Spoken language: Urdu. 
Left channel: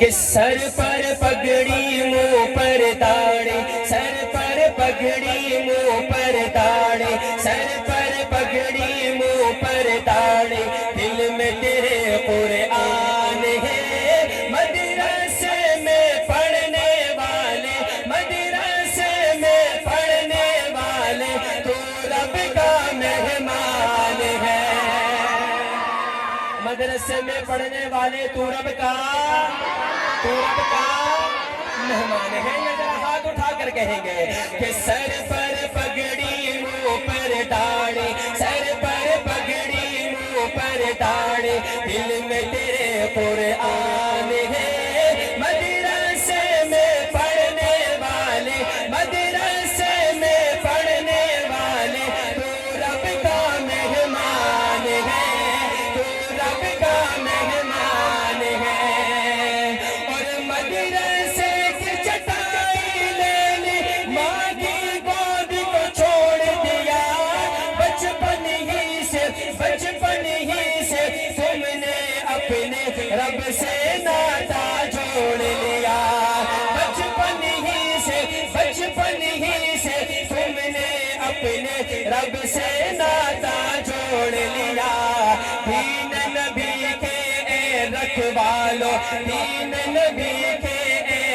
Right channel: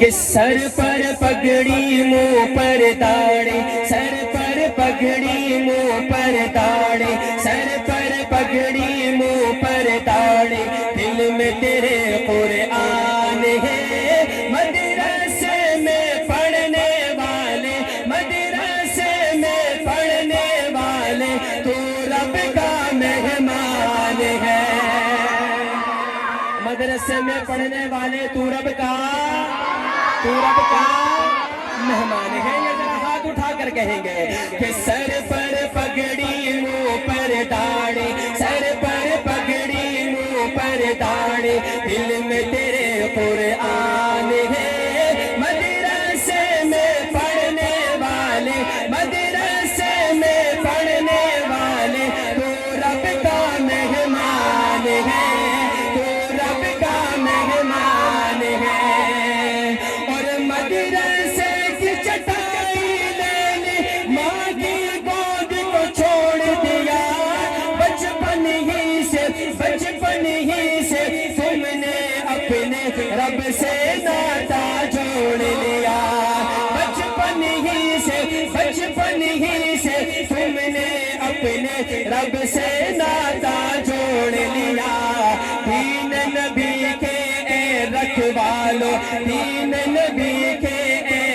کہ سر پر پگڑی منہ پر داڑھی، سر پر پگڑی منہ پر داڑھی، سر پر پگڑی منہ پر داڑھی، دل میں تیرے قرآن ہے، مدرسے میں پڑھنے والے، مدرسے میں پڑھنے والے، تو رب کا مہمان ہے۔ مدرسے میں پڑھنے والے تو رب کا مہمان ہے۔ یہ ذرا ہاتھ اٹھا کر کہیں گے کہ سر پر پگڑی منہ پر داڑھی، سر پر پگڑی منہ پر داڑھی، دل میں تیرے قرآن ہے، مدرسے میں پڑھنے والے، مدرسے میں پڑھنے والے، تو رب کا مہمان ہے، تو رب کا مہمان ہے۔ اور مدرسے کی چٹائی دے دی، ماں کی گود کو چھوڑ دیا، بچپن ہی سے تم نے اپنے رب سے ناتا جوڑ لیا، بچپن ہی سے تم نے اپنے رب سے ناتا جوڑ لیا۔ دین نبی کے اے رکھوالو، دین نبی کے اے